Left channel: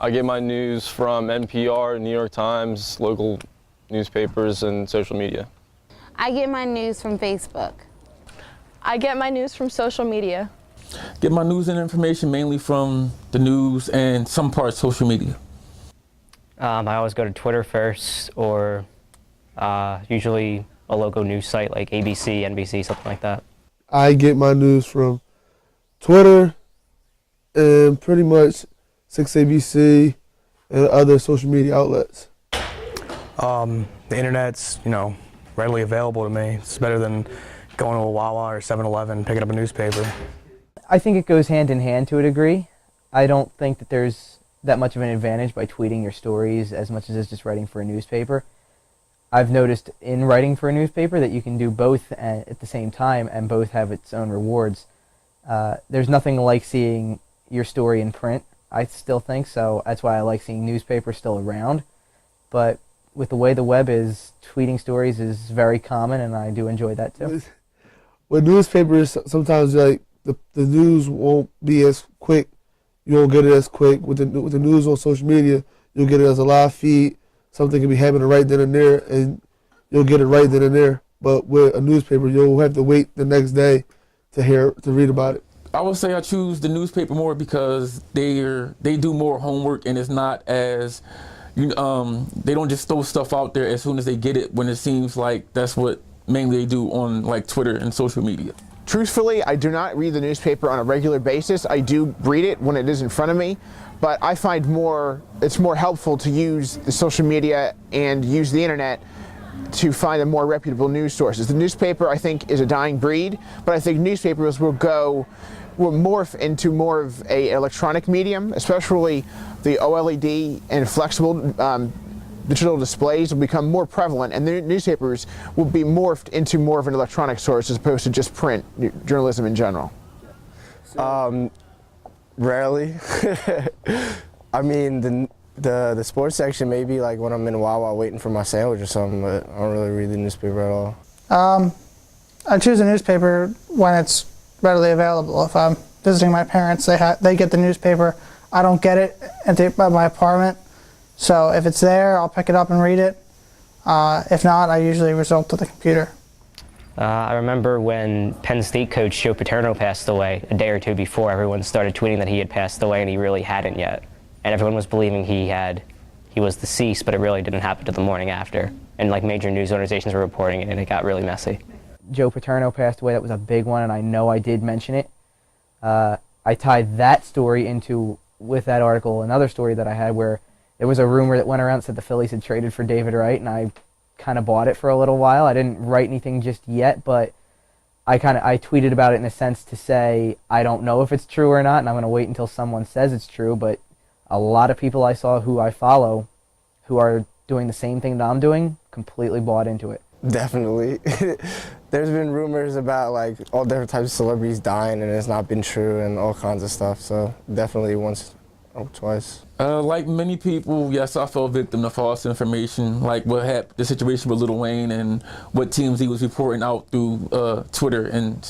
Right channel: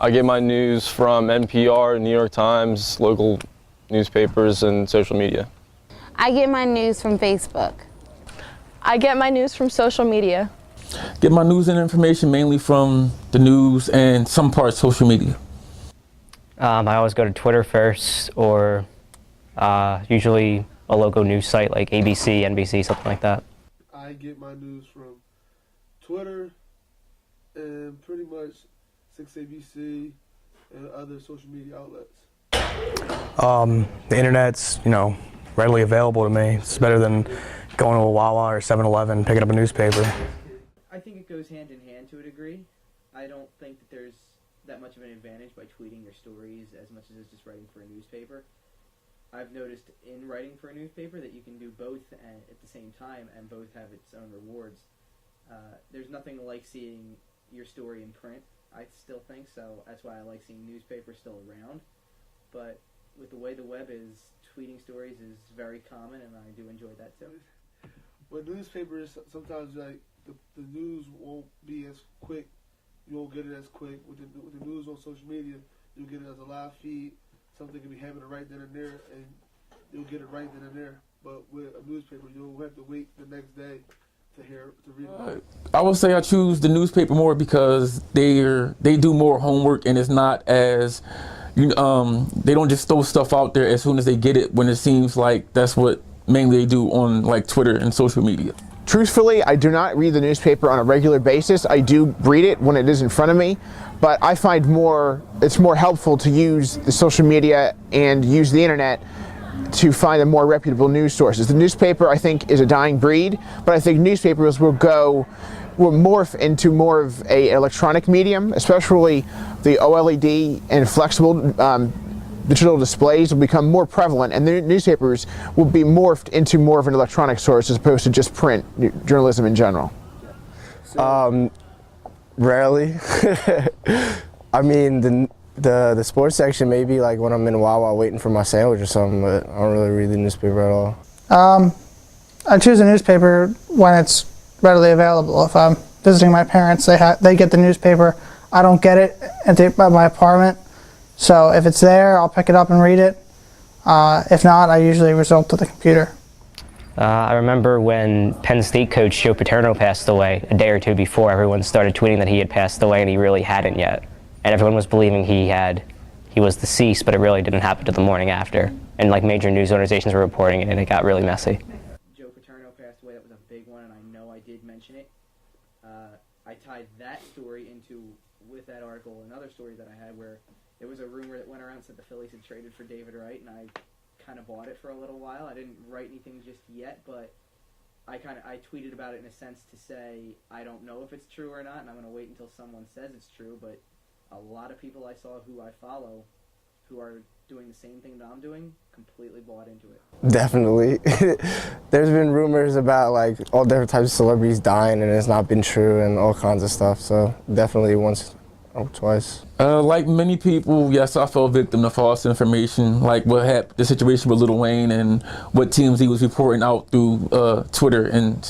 I get my news from NPR, New York Times, local newspapers, and social media. I get my news from Facebook. I get my news from social media. Get my news and information mainly from the news and some parts social media. I always go to Twitter first, or usually a local news site like ABC, NBC, something like that. I get my news from Twitter and pretty much 6ABC and other social media outlets. The internet's, readily available to me. It's better than going to a Wawa or 7-Eleven, picking up a newspaper. I think it goes hand in hand to a degree. I don't think that there's that much of an advantage by tweeting your stories as much as it's just writing for a newspaper. I've noticed in writing for a newspaper that you can do both at the same time, and both have its own rewards. There's nothing like seeing your story in print, I still think, so that's why I like seeing newspapers still around. But with the way the web is, tweeting stories is very common, and I do enjoy that too. With newspapers, sometimes the news won't be as quick. You won't get it as quick. With the news on social media, you'll get it as a live feed. Something can be happening right then and there, and you'll get it right then and there. But with a newspaper, you'll have to wait the next day to read about it. I would say I choose the newspaper more because they do more homework, and it's not as they don't just throw stuff out there as soon as they get it, when it seems like that's what mainly they do on like Twitter and social media. Truthfully, I do not read the newspaper on a regular basis. I do read it when it is in front of me, but I find it's more helpful to use the social media and use the internet to find the more reputable news sources. The newspaper, I think, is a dying breed, but I think newspapers will morph into more of an electronic medium, especially the OLED and flexible digital displays will become more prevalent, and the newspapers will be morphed into more of an electronic source as opposed to just print journalism in general. Rarely. I mean, the sports section maybe like when I'm in Wawa waiting for my sandwich or something, but I don't really read the newspaper at all. I choose a newspaper when it's readily available. If I'm visiting my parents, they get the newspaper. I don't get it at my apartment. So if it's there, I'll pick it up and read it. If not, I usually resort to the computer. I remember when Penn State coach Joe Paterno passed away a day or two before, everyone started tweeting that he had passed away, and he really hadn't yet. And everyone was believing he was deceased, but it really didn't happen till the morning after. And like major news organizations were reporting it, and it got really messy. Joe Paterno passed away. That was a big one, and I know I did mention it. I tied that story with that article, another story that I had where there was a rumor that went around that said the Phillies had traded for David Wright, and I kind of bought it for a little while. I didn't write anything just yet, but I tweeted about it in a sense to say I don't know if it's true or not, and I'm going to wait until someone says it's true. But a lot of people I saw who I follow who are doing the same thing that I'm doing completely bought into it. Definitely. There's been rumors about like all different types of celebrities dying, and it's not been true, and all kinds of stuff. So definitely once or twice. Like many people, yes, I fell victim to false information, like what happened, the situation with Lil Wayne and what TMZ was reporting out through Twitter and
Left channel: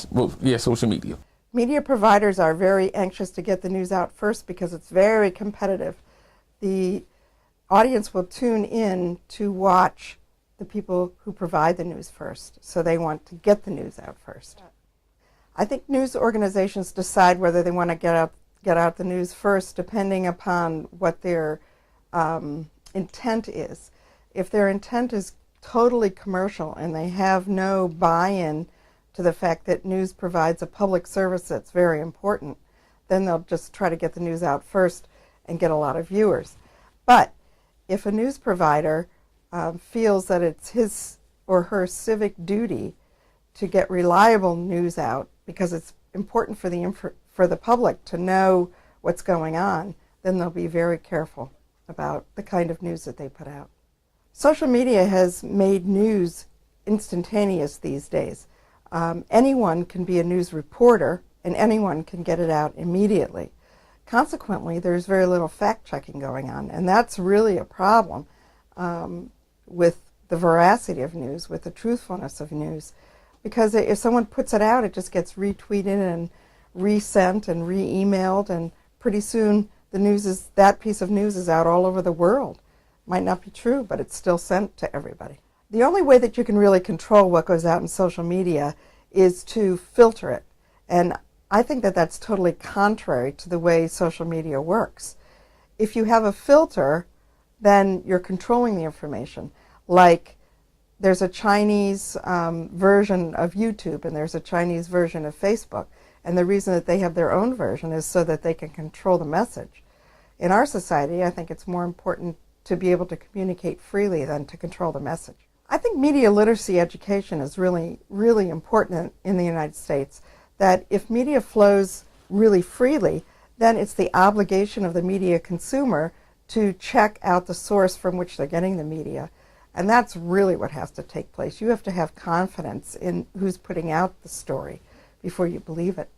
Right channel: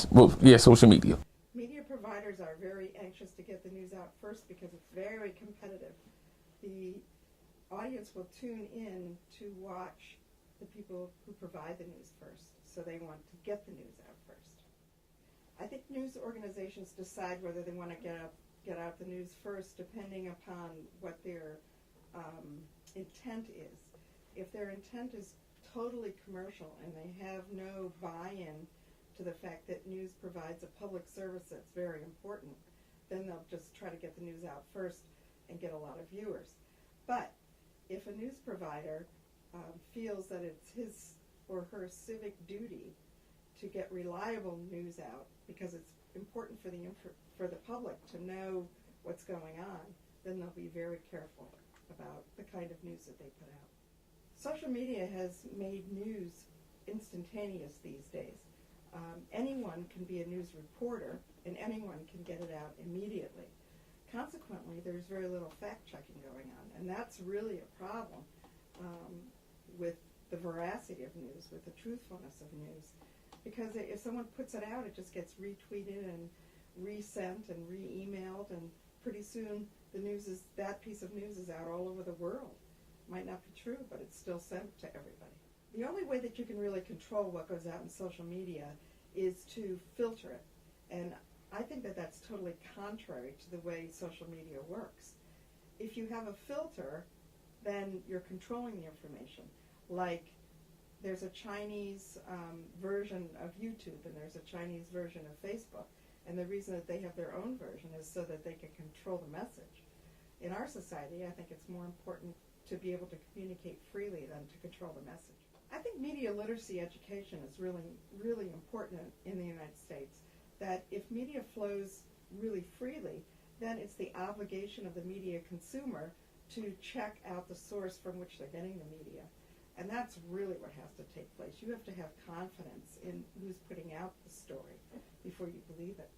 social media. Media providers are very anxious to get the news out first because it's very competitive. The audience will tune in to watch the people who provide the news first, so they want to get the news out first. I think news organizations decide whether they want to get out the news first depending upon what their intent is. If their intent is totally commercial and they have no buy-in to the fact that news provides a public service that's very important, then they'll just try to get the news out first and get a lot of viewers. But if a news provider feels that it's his or her civic duty to get reliable news out because it's important for the public to know what's going on, then they'll be very careful about the kind of news that they put out. Social media has made news instantaneous these days. Anyone can be a news reporter, and anyone can get it out immediately. Consequently, there's very little fact-checking going on, and that's really a problem with the veracity of news, with the truthfulness of news, because if someone puts it out, it just gets retweeted and resent and re-emailed, and pretty soon that piece of news is out all over the world. Might not be true, but it's still sent to everybody. The only way that you can really control what goes out in social media is to filter it. And I think that that's totally contrary to the way social media works. If you have a filter, then you're controlling the information. Like there's a Chinese version of YouTube and there's a Chinese version of Facebook. And the reason that they have their own version is so that they can control the message. In our society, I think it's more important to be able to communicate freely than to control the message. I think media literacy education is really, really important in the United States. That if media flows really freely, then it's the obligation of the media consumer to check out the source from which they're getting the media. And that's really what has to take place. You have to have confidence in who's putting out the story before you believe it.